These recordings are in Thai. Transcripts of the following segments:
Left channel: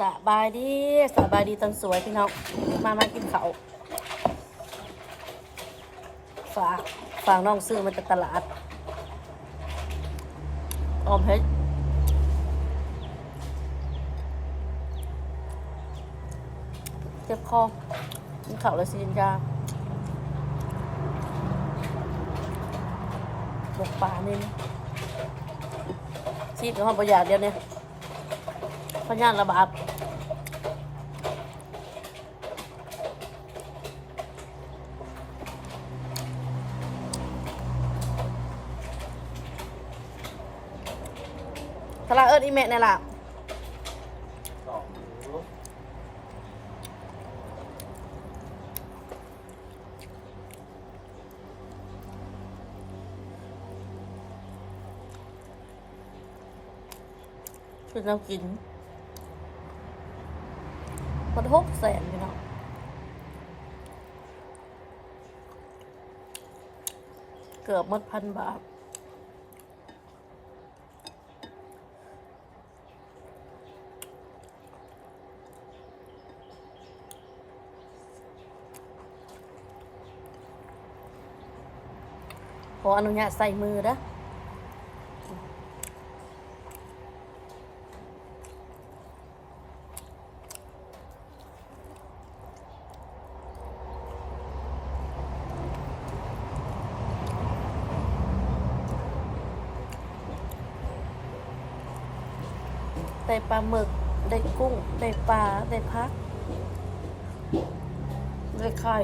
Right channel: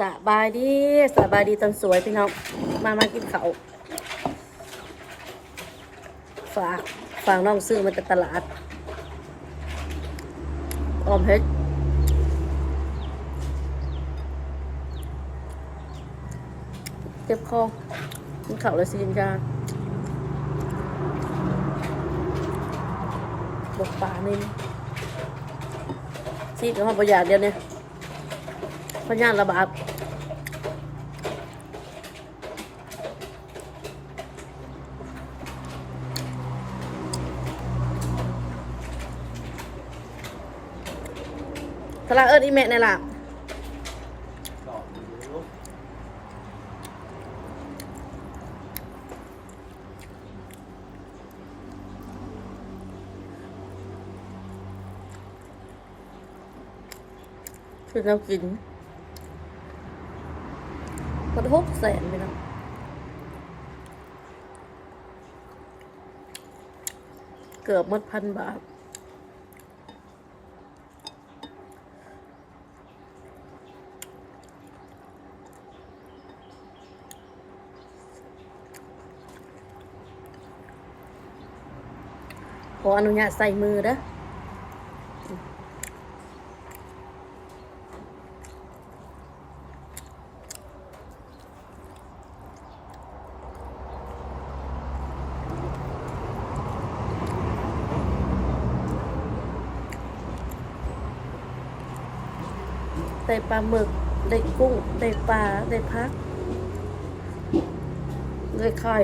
สบายดีสบายดีตอนสวยพี่น้องมามากินเขาฝากฝากน้องซื้อมาจากตลาดออมเพชรเจ็บคอกินเขาแล้วสิกินยาบกปลานี่ชีดกับห้องประหยัดเดียวเนี่ยพญานระบาด ทลาเอิร์ดอีเมะนี่ล่ะคือเรากินมันหกแสนพี่น้องเกือบหมดพันบาท ขออนุญาตใส่มือนะได้ปลาหมึก ได้กุ้ง ได้ปลา ได้พัก ได้ไข่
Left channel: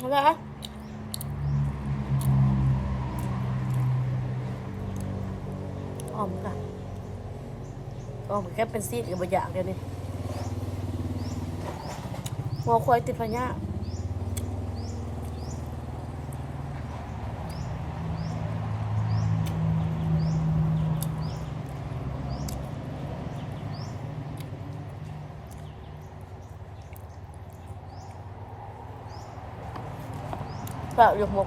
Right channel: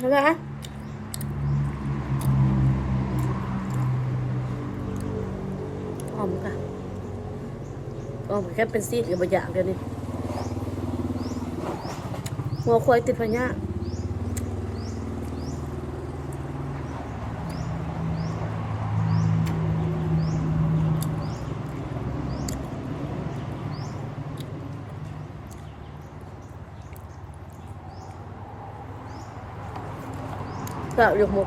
ใช่ไหออมค่ะออมแค่เป็นซีดกับบะอย่างเดียวนี่หัวควายติดพญา ก็ยกหม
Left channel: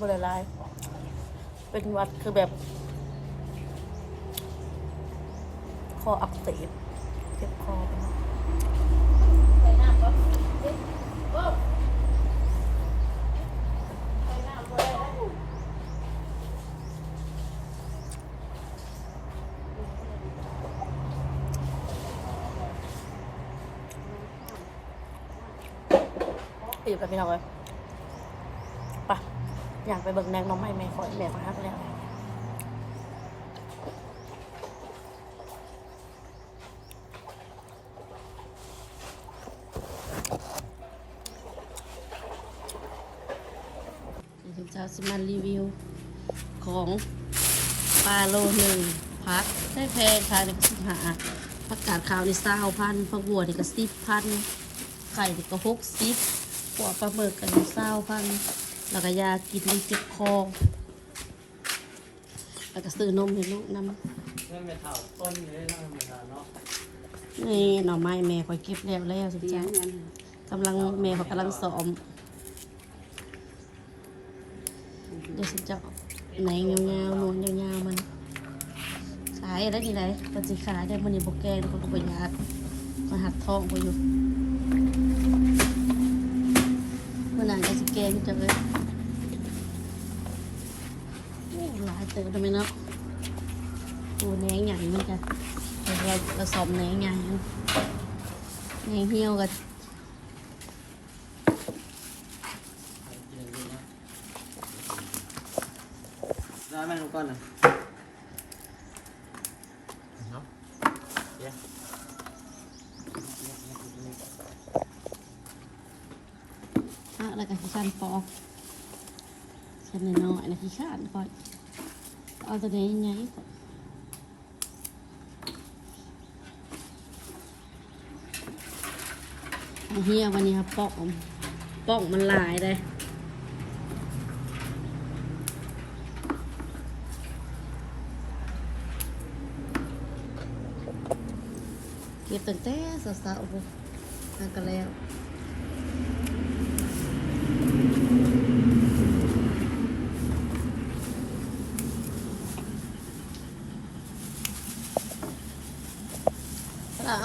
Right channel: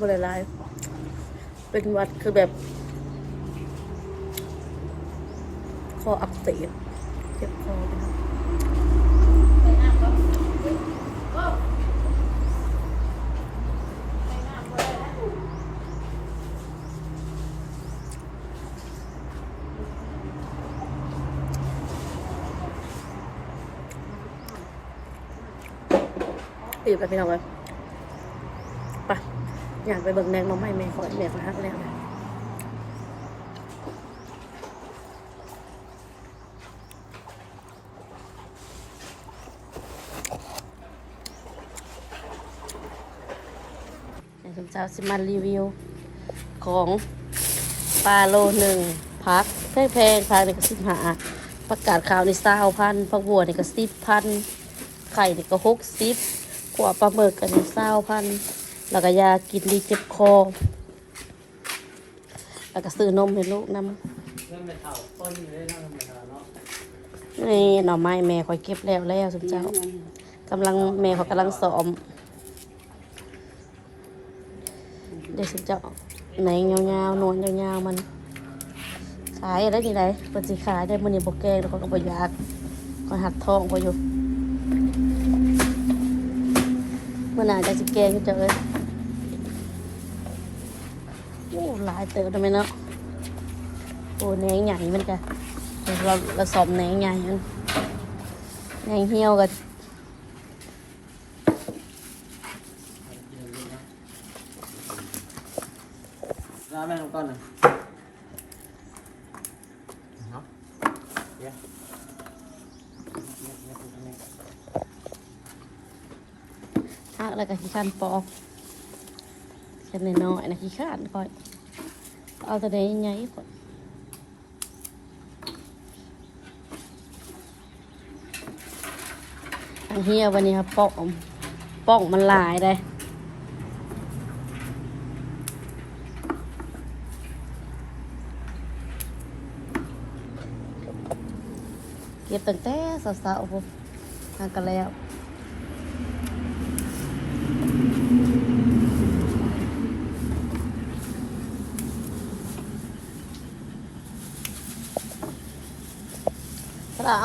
บหลายๆเป็นวัดคือแบบคออักเสบเจ็บคอไปหมดตีบไปพี่น้องเลยไป อยากไปเบิ่งแนงน้องไม้แม่คอยแม่คอยฮักแล้วนะคุณเจ้าสิมารีวิว ของปลาโลหนึ่งพักแพงแพงพักในกระสิบหาประกาศข่าวในซาวพันพักบัวในกระสิบพันไข่ในกระหกสิบขัวปลาหมึกกันในซาวพัน แล้วก็ยากินรีเจ็บคอ แล้วก็ซื้อนมให้ลูกนำเริ่มไปเข่าต้นเลยเริ่มไปเข่าเนาะนี่หน่อไม้แม่คอยเก็บแล้วแล้วสุดเจ้ากำลังแม่เขากำลังซ้อมเดี๋ยวสุเจ้าไหนยาวๆนวลยาวๆมัน ขายได้ยังไงปฏิขายได้มันนี่บแกงแล้วเขาก็บอยากก็หักทองไปอยู่เมื่อไหร่จะแกงจะเอ้ย โอ้หลายเติมทำไมเนาะโอ้แหนงใหญ่มันจะเราเราสอบแหนงใหญ่มันแหนงเหี่ยวกันร้านแม่งก่อนเลยเนาะเดี๋ยวอะแล้วก็ขี้ข้านปอก เส้นน้อยนะขี้ขานค่อย เอาตัวนี้ใหญ่ก่อนเฮียวันนี้ครับปอกปอกมันหลายเลยเย็บตั้งแต่สาวๆปุ๊บทานกันแล้ว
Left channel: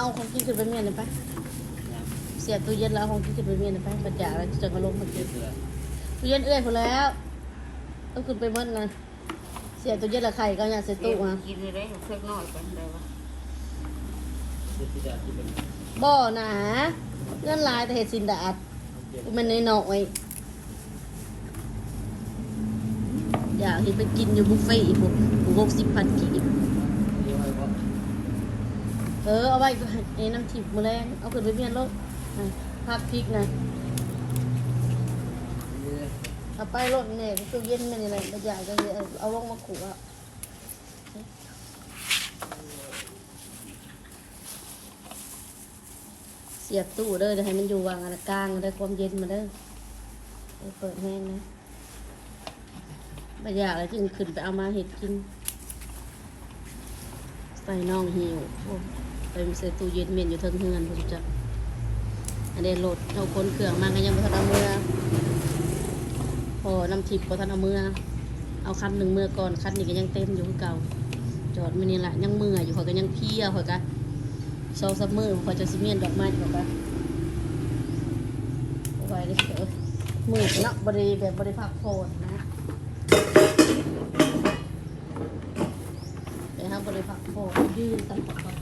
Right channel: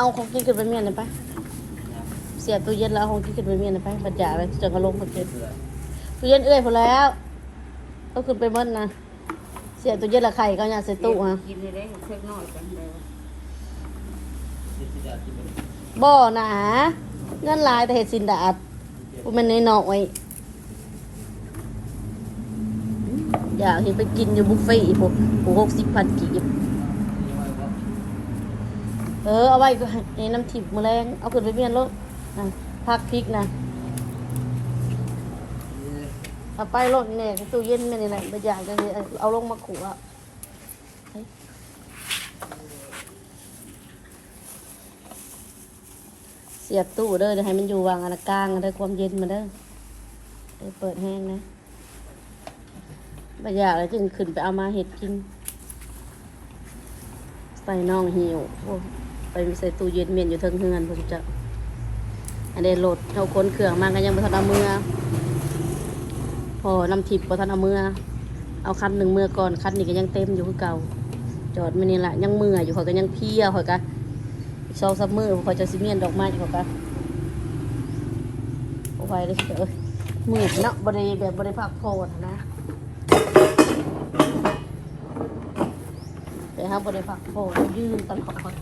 เราเอาของที่ขึ้นไปเมียนเลยปะเสียตู้เย็นแล้วเอาของที่ขึ้นไปเมียนเลยปะบัดจ่าไปจนกระลงกับเย็นเสือตู้เย็นเอื้อยพอแล้วก็ขึ้นไปเมื่อนะเสียตู้เย็นละไข่ก็อยากใส่ตู้ฮะกินได้เพิ่มน้อยกันได้วะที่ที่เดียวที่เป็นบ่อนะเงินหลายแต่เห็ดสินดาดมันน้อยๆอยากเห็นไปกินอยู่บุฟเฟ่ต์ผมกูหกสิบพันกีบ เอาไว้ให้น้ำทิพย์มือแรงเอาขึ้นไปเมียนลูกพักพริกนะเอาไปรถเนี่ยตู้เย็นเนี่ยไหนไปอยากจะเเอาลงมาขู่อะเสียบตู้เด้อเดี๋ยให้มันอยู่วางอะไรกลางได้ความเย็นมาเด้อเปิดให้นะไปอยากเลยจึงขึ้นไปเอามาเห็ดกิน ใส่น่องหิวโอ้ ไปใส่ตู้เย็นเมียนอยู่เทิงเฮือนผมจะอันนี้โหลดเอาคนเครื่องมากันยังไม่ทันเอามือเอาพอน้ำทิพย์พอท่านเอามือเอาคันหนึ่งมือก่อนคันนี้ก็ยังเต็มอยู่คือเก่า จอดไม่นี่แหละยังมืออยู่เขาก็ยังเพลียเขาก็โซซัมมือเขาจะซิเมียนดอกไม้เขาก็โอ้ยเลยเดี๋ยวมืดเนาะบริแบบบริพักผ่อนนะแต่ถ้าบริพักผ่อนยืนตลอด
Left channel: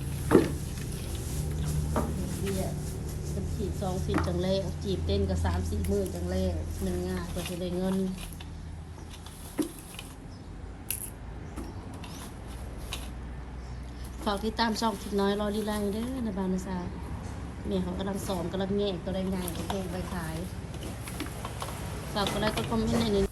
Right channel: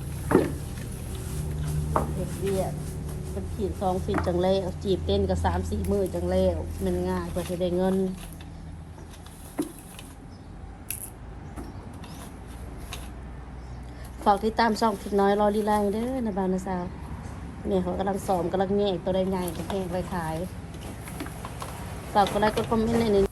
มันขีดสองสิบจังเลยจีบเต้นกับสามสี่มือจังแล้วมันง่ายกว่าจะได้เงินฝากที่ตามช่องทิดน้อยรอดีไลน์เด้อนะบาวนะสาวเนี่ยเขากำลังสอมกำลังแง่ตัวได้ใหญ่จะเทไปขายฝากก็ได้ก็คอมเมนต์ในนี้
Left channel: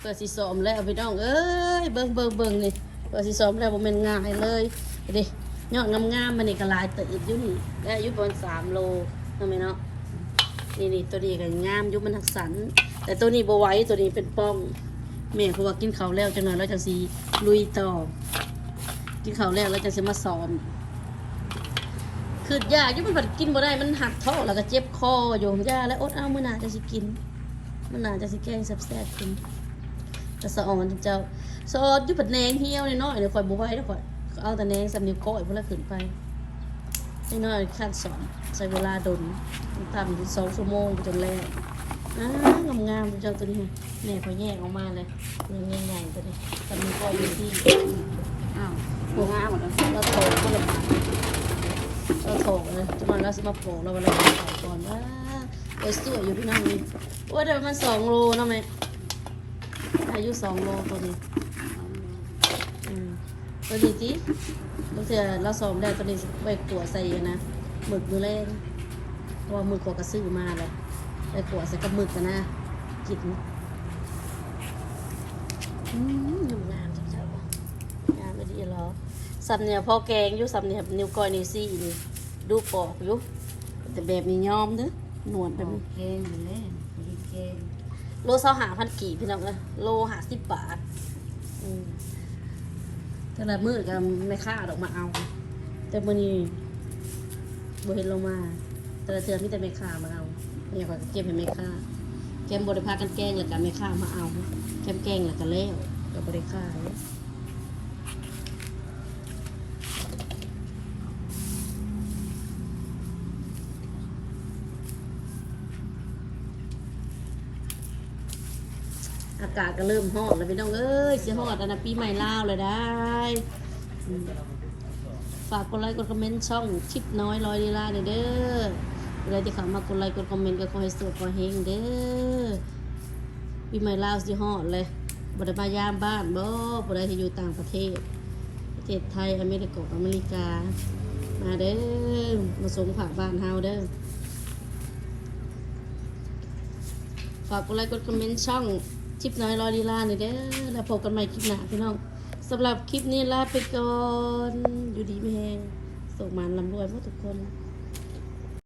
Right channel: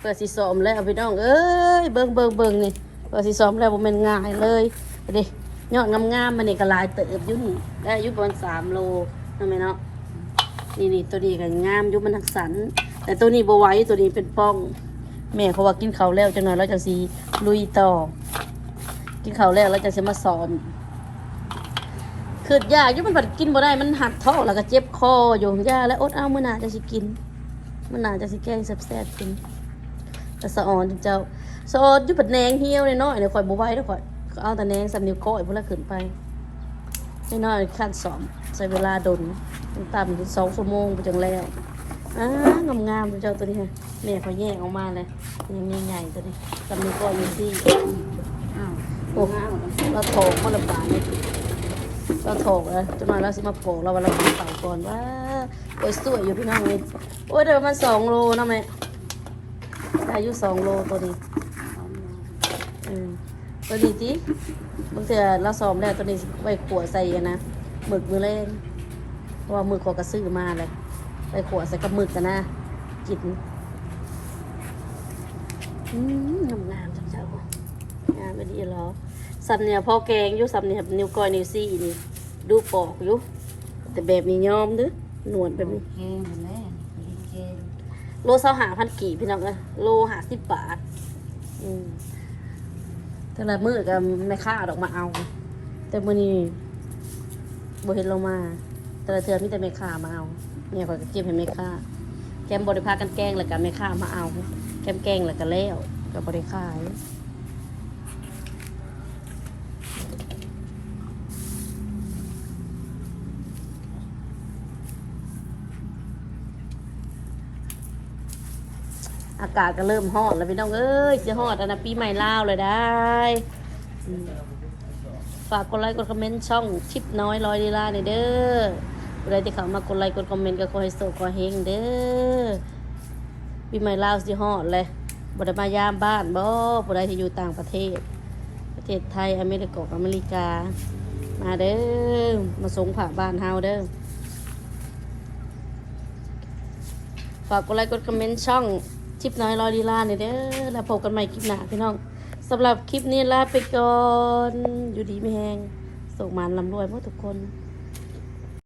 เปิดสีสอมแล้วเอาไปน้องเอ้ยเบิ่งเบิ่งเบิ่งนี่เปิดสีสอมแล้วบ่แม่นง่ายเลยไปดิ ยอดงามๆมันนี่ก็ลายเติบยู่นี่ได้อายุประมาณสามโลทำไมเนาะนี่นี่ตัวนี้ก็งามอยู่มันทักสัน แต่ตัวนี้บ่ไว้ตัวนี้เป็นป้อง แม่เขาว่ากินเขาแล้วจังหน่อยเราจะสีลุยต่อ กินเขาแล้วเราจะเสมาซ้อมคือยากยุ่มันผัดกินบ่ได้มันหักท้องแล้วก็เจ็บคออยู่ยาแล้วอดเอามื่อหนาจะสิกินมื่อหนาจะสิแกงแซ่บๆกินแต่สะออนเจ้าสะออนยุ่ผัดแหนงเหี่ยวน้อยเดี๋ยวข่อยบ่ไหวเดี๋ยวข่อย เอาแต่แนงสำนิ้วก้อยพวกนั้นขึ้นไปน้อยขั้นสอมใช้เวลาดนต่ำสองชั่วโมงไปจังแล้วอ่างามๆเจ้าตัวนี้ค่ะเนี่ยเขาแยกออกมาเลยยังไงๆตัวนี้สำนิ้วก้อยอยู่ที่อ้าวโอ้งามหมดแล้วเราโถกมันละบาทเราโถกเลยจะมาแล้วสิมาโปกเราวันละบาทฝั่งก่อนว่าโอ้ยสวยอยู่พี่น้องเลยโอ้ยเดี๋ยวมันสองโลนะแม่อายุสองโลตัวนี้ ตัวนี้จีบางเทีเราซ้อมแล้วตัวนี้ไว้ขวดใส่อะนะหมึกมือเล่นเพราะว่าหมึกเขอกระซื้อมาเลยไปขวดใส่กับหมึกกันนะกินอืมงามงามๆจังเจ้างามไม่ดีหรอสับเนี่ยพอแกงอยู่สับเนี่ยนิ้วก้อยนิ้วซี่นี่ดูปอกอยู่แต่แบบมียอมเด้อหนวดแบบนี้เกงแม่เกงโลเสาหาพันกี่พี่น้องเอ้ยโลหาสิบบาท อืม แต่ละมือก็ไม่ค่าดอกมาเอา แต่มือนี้บเห็นเรามา แต่ละเทือมีแต่ไม่ค่ามาเอาเนี่ยก็เก็บให้ไม่ค่าแกมบริพากันแกล้งแล้วกันไม่ค่ามาเอา แกมแกล้งแล้วก็แล้วกับบริค่า อากาศก็เริ่มฮอดแล้วพี่น้องเอ้ยสิฮอดอันนะปีใหม่ลาวเลยได้อืมฝากกดไลค์กดคอมเมนต์ช่องชิปน้อยลอยลีลาเนี่ยเด้อผู้ใดที่เข้ามากดไลค์กดคอมเมนต์ก็ขอให้โสขอเฮงเด้อปีใหม่ลาวสิฮอดเลยบไดมายามบ้านบ่ผู้ใดที่อยู่ต่างประเทศ ประเทศไทยอเมริกาอเมริกา มาเด้อมาส่งผักบ้านเฮาเด้อฝากกดไลค์กดคอมเมนต์ช่อง ลิปน้อยรอลีลาหน่อยเด้อแล้วพบกันใหม่คลิปหน้าพี่น้องสำหรับคลิปนี้ลาไปก่อน อยู่ดีไม่แห้งส่งมานลำรวยพวกทุกคน